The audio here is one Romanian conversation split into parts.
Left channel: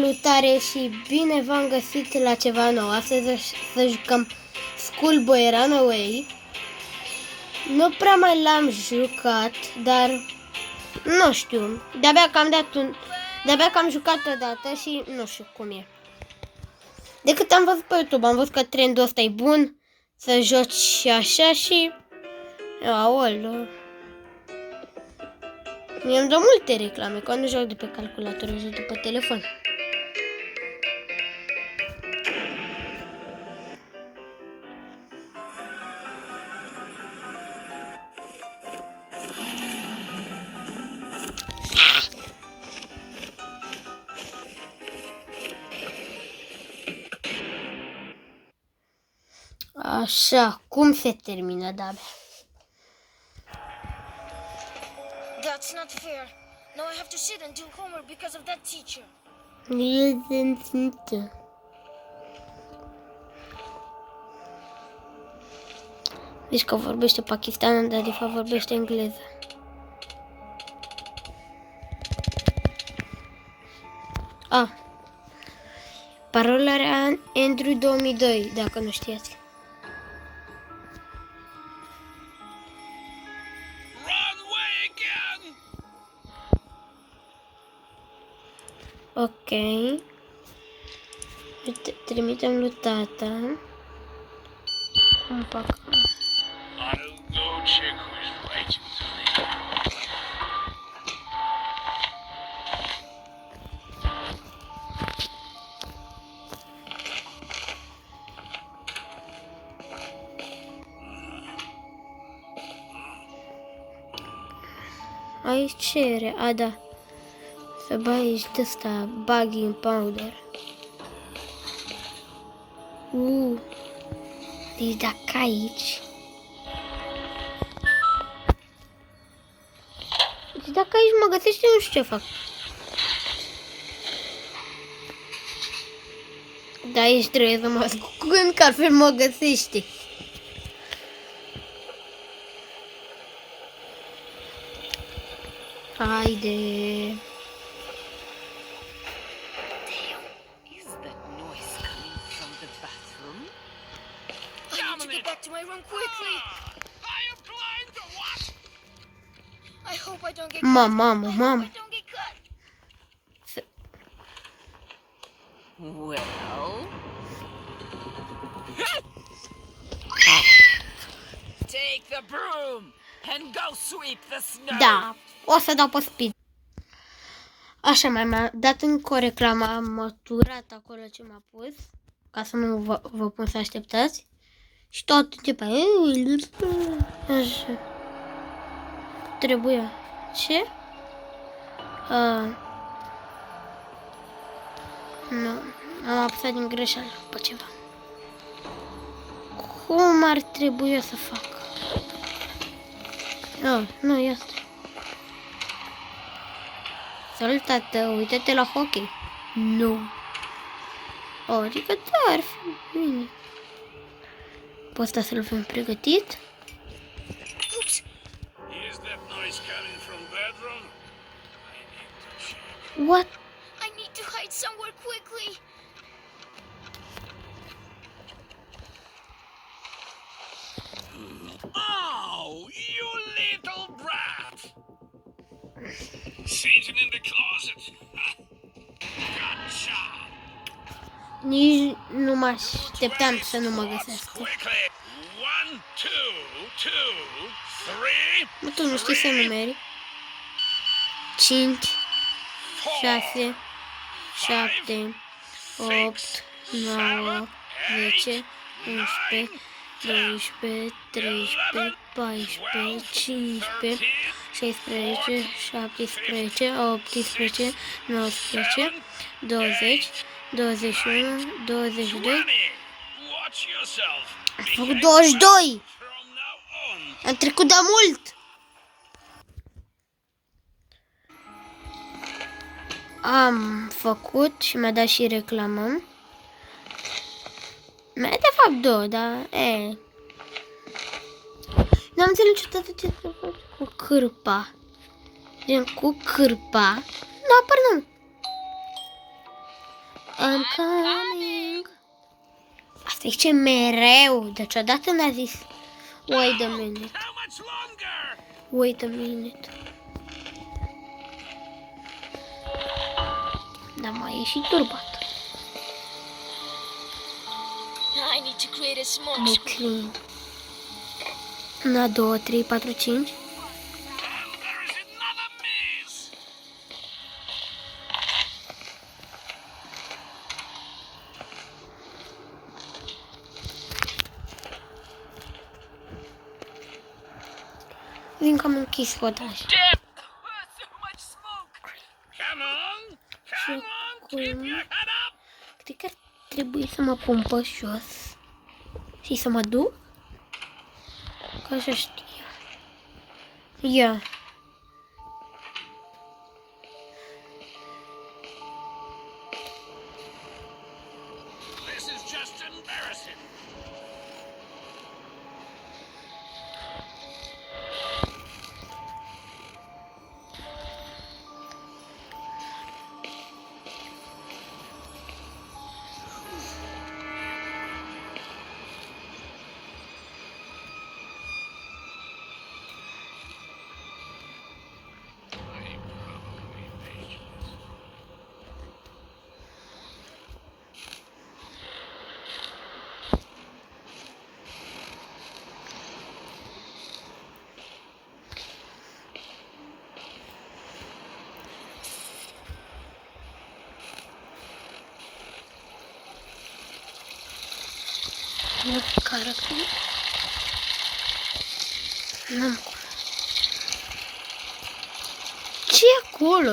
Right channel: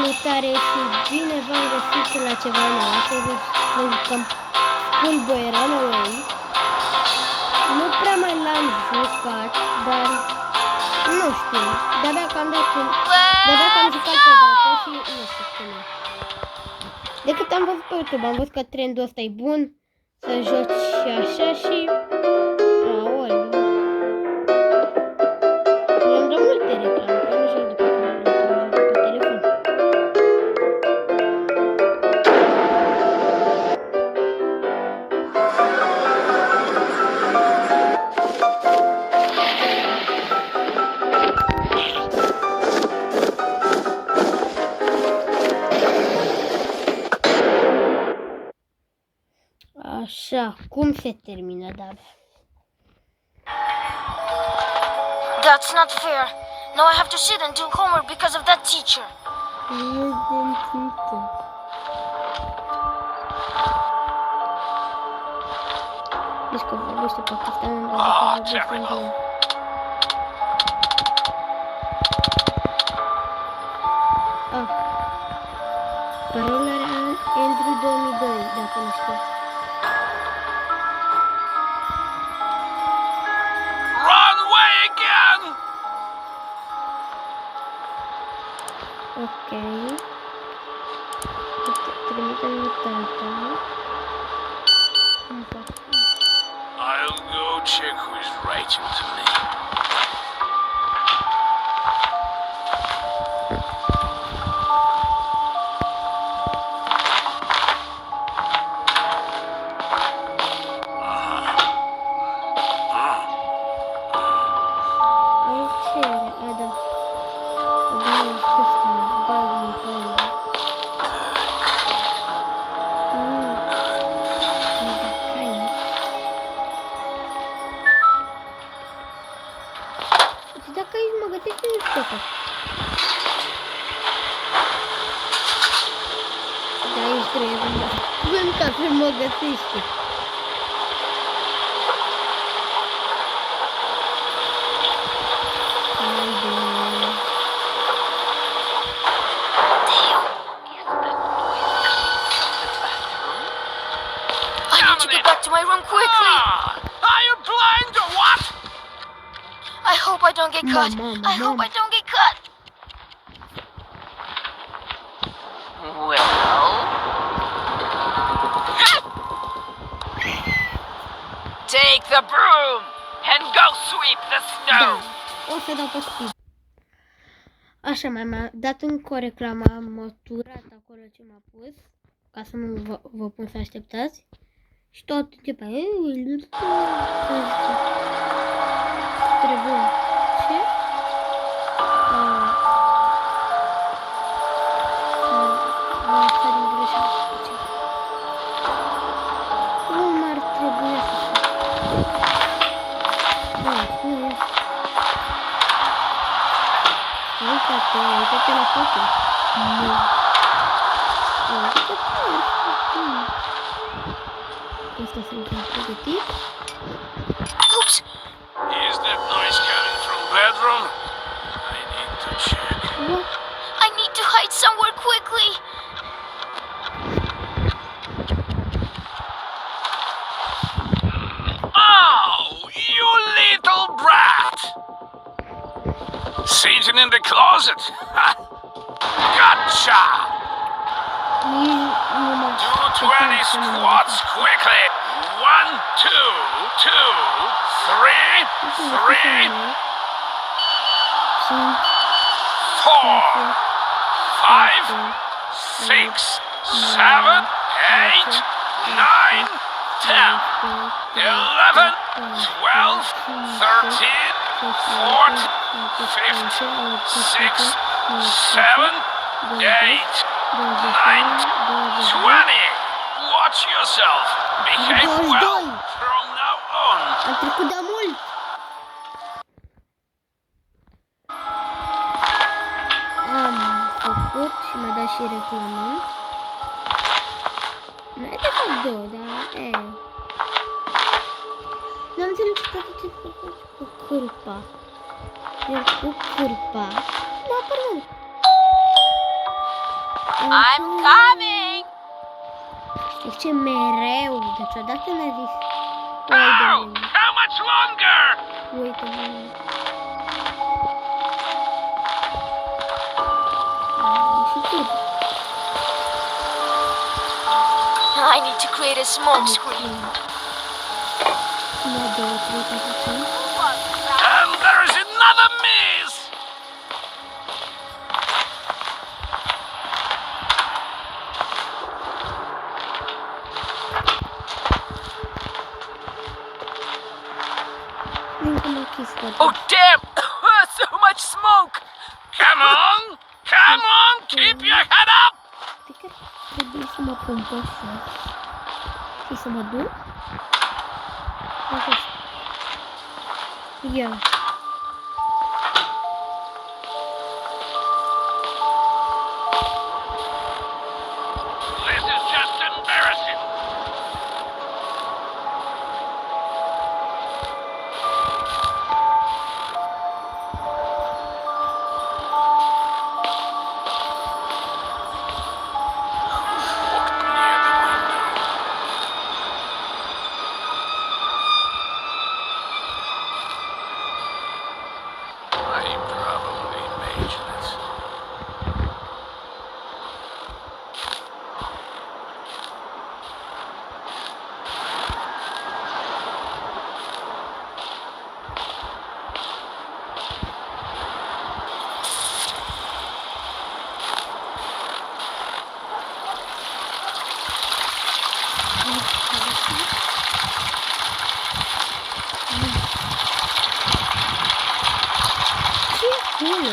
Salutare și bine v-am găsit la ceva nou. Astăzi să jucăm Schoolboy Runaway. Nu prea mai l-am jucat, dar nu știu. De-abia că am jucat odată și nu știu cum e. De cât am văzut pe YouTube, am văzut că trendul ăsta e bun, să joci și așa și... Aoleu. Mi-am dat multe reclame, că nu joc de pe calculator, joc de pe telefon. Așa, cum se termină, da? That's not fair. Now I have to sit and do homework because of that teacher. Deci că vorbește pakistană, dar de fapt vorbește engleză. Parola era Andrew 2002, dacă nu știați. Ok. Trimitem lui tata. Un pac. I'll go check who's writing to me. Aici ce era? A, da. Să bagi de ăsta, bagi în panda. E dacă aici. Și dacă aici mă găsește, nu știu ce fac. Da, aici trebuie să mă spun că altfel mă găsește. Haide. My room quickly. Are you blind or what? I hope I don't get caught. I hope I don't get caught. Well, take the broom and go sweep the snow. Da, o să dau pe speed. Așa, mi-a dat încă o reclamă, am măturat acolo ce m-a pus, ca să nu vă pun să așteptați. Și tot începe. Trebuie. Ce? Am apăsat din greșeală pe ceva. Cum ar trebui să fac? Nu e asta. Salut, tată, uite-te la hockey. Nu. Adică tare. Asta să-l fim pregătit. Oops. Is that noise coming from bedroom? I need to check. What? I need to hide somewhere quickly. Oh, you little brat! Sitting in the closet. Gotcha! Nici nu mă așteptam să nu mă găsesc. Quickly! 1, 2, 2, 3, Nu știu să numeri. 5, 6, 7, 8, 9, 10, 11, 12, 13, 14, 15, 16, 17, 18, 19, 20, 21, 22. Watch yourself. 22! From now on. Am trecut de mult! Am făcut și mi-a dat și reclamă. Mi-a dat de fapt două, dar n-am înțeles niciodată ce să fac cu cârpa. Gen cu cârpa. Nu, pardon. I'm coming! Asta zice mereu, deci odată n-a zis wait a How? minute, How much longer? wait a minute. Dar mai ieșit turbat. I need to create a smoke screen. Ok. 1, 2, 3, 4, 5. And there's another miss! Vin că am închis podul. Oh, damn! So much smoke! Come on! Come on! Keep your head up! Cred că ar trebui să mă pun pe jos și să mă duc. Așa știu. Ia. This is just embarrassing. Walked near the window. I probably imagined it. Care fi? Ce e acolo?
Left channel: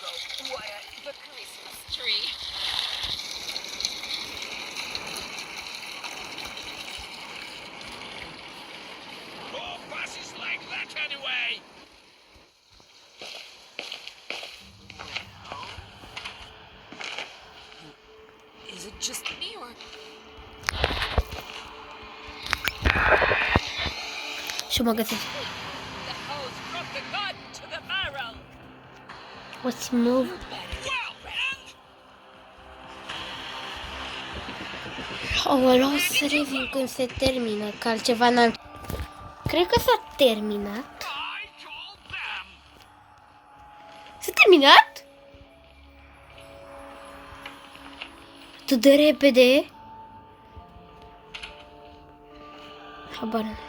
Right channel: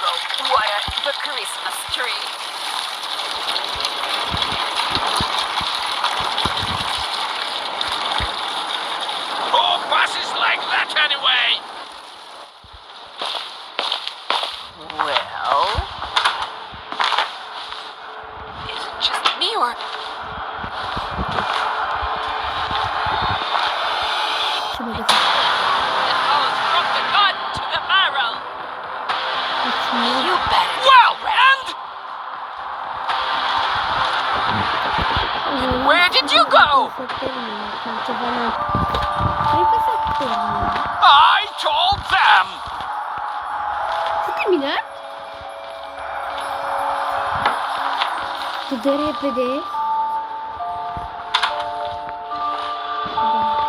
Go wire the Christmas tree. Who passes like that anyway? Well, is it just me or Și mă găsesc. it goes from the gun to the barrel? Let's move. You better Well, and O luăm Where did you serios go? când se termină, că altceva n-am... Cred că s-a terminat. I told them! S-a terminat? Tu de repede? Habar n-am.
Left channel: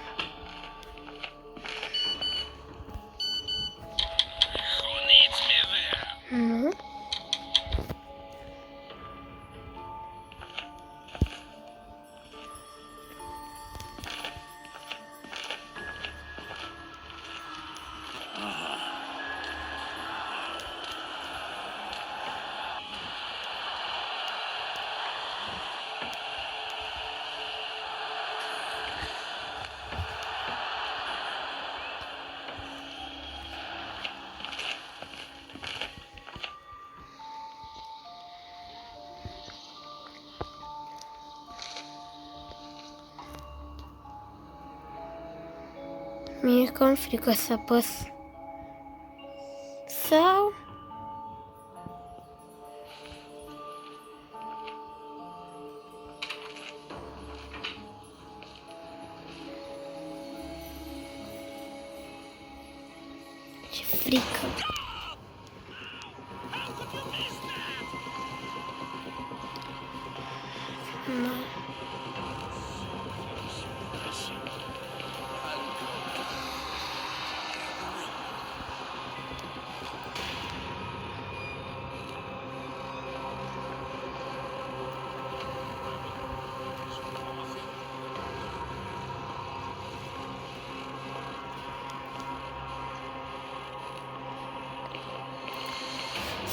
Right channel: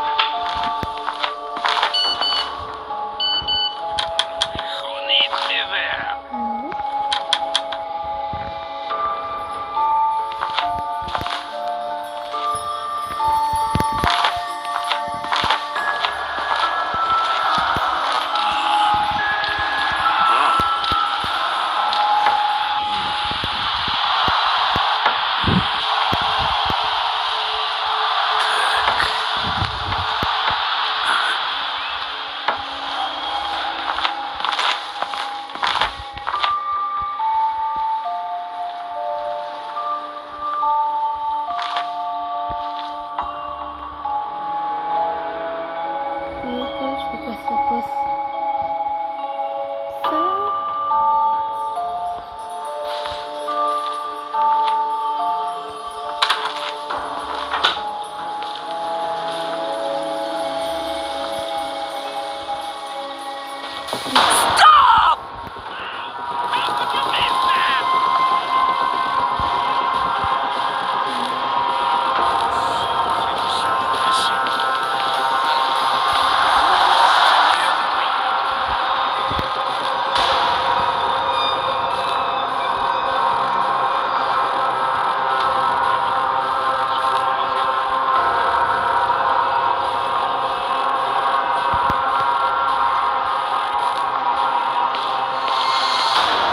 Who needs me there? Mhm. Mi-e cam frică să apăs. Sau... stop? How could you miss that?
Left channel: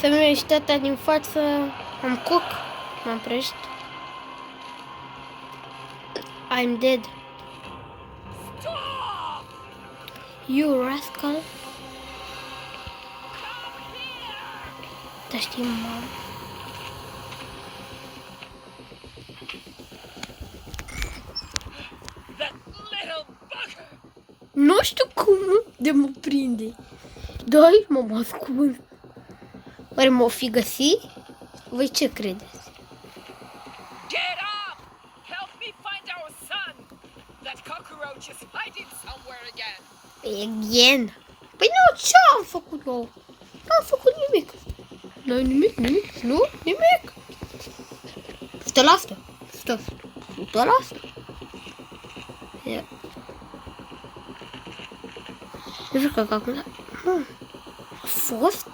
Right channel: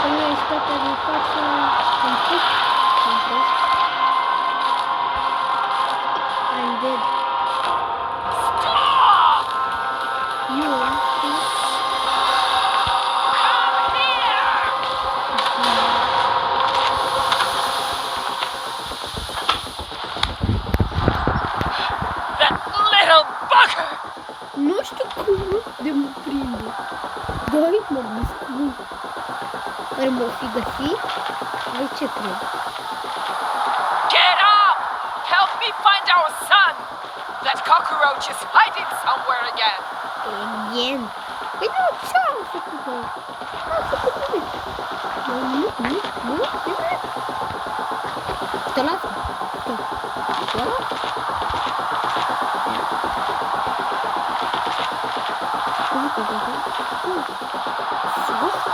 Familiaritatea din față îmi cuc, mă opresc. I'm dead. You rascal. Da, știu. That little bugger! Nu știu cum de mă prinde. Doi, mă ascult. Ori m-o fi găsit? Voi ce credeți? Get up! Help me find our son! That cockroach is hiding somewhere again. Again? Păi nu, ce-am făcut eu? N-am făcut nimic. Nu, nimic. Stă la asta. Stă la asta. Ia. Nu știu că acum... Fost?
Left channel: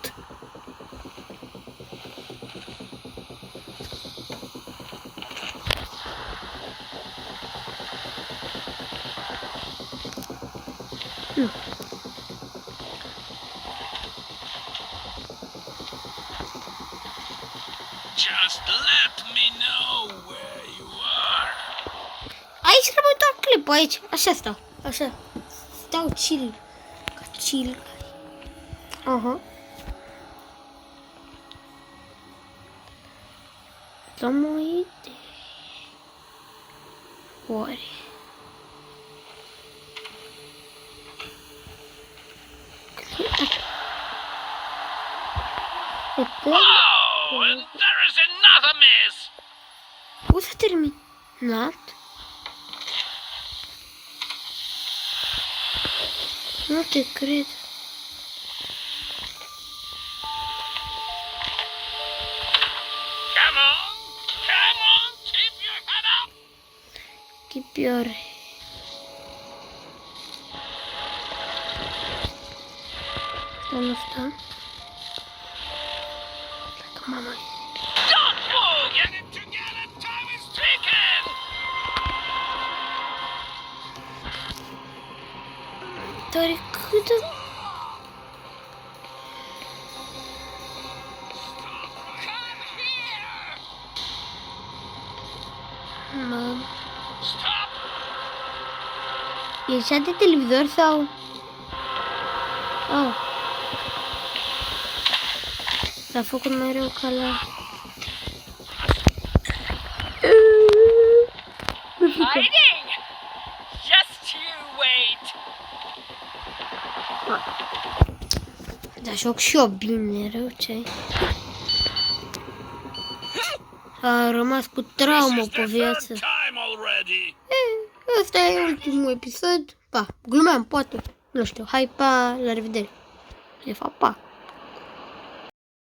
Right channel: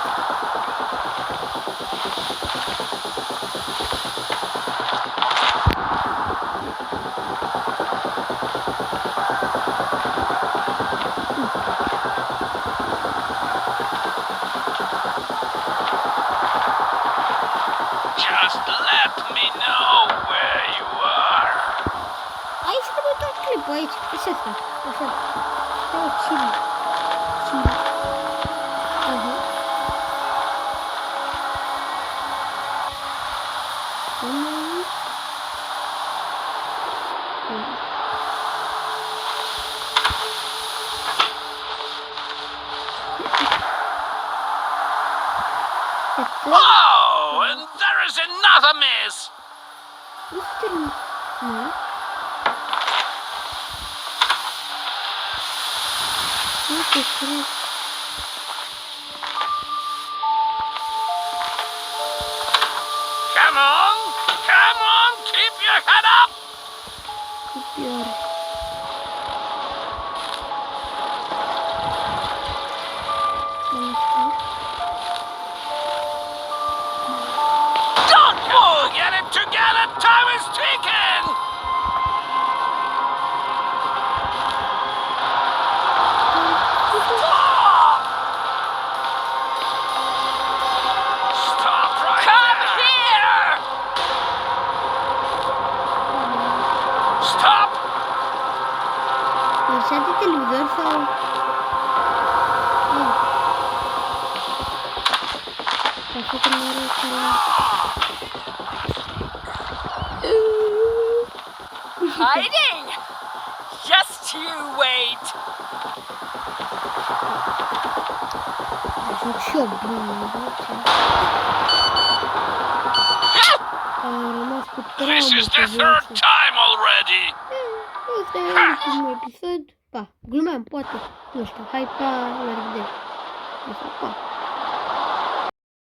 Just let me know where you are. Aici rămân doar clipul, aici. Așa stau. Așa. Stau chill. Aha. Oare. Oh, and there is another miss. Nu s-a terminat. Nu te cred. Come on, keep your head up. Tipior. Don't move. Get it together. Time is ticking. Stop right Come there. here! Stop. E cea de televizor sau... Oh. S-a făcut mereu ca la... Hiding! Just you wait! Da, joc și eu bine, mereu ce... A rămas cu This traumă is pe the viață. third time already. Ăsta e ultimul episod. Pa, glumeam, poate. Nu știu, hai, pa, la revedere. De fapt, pa.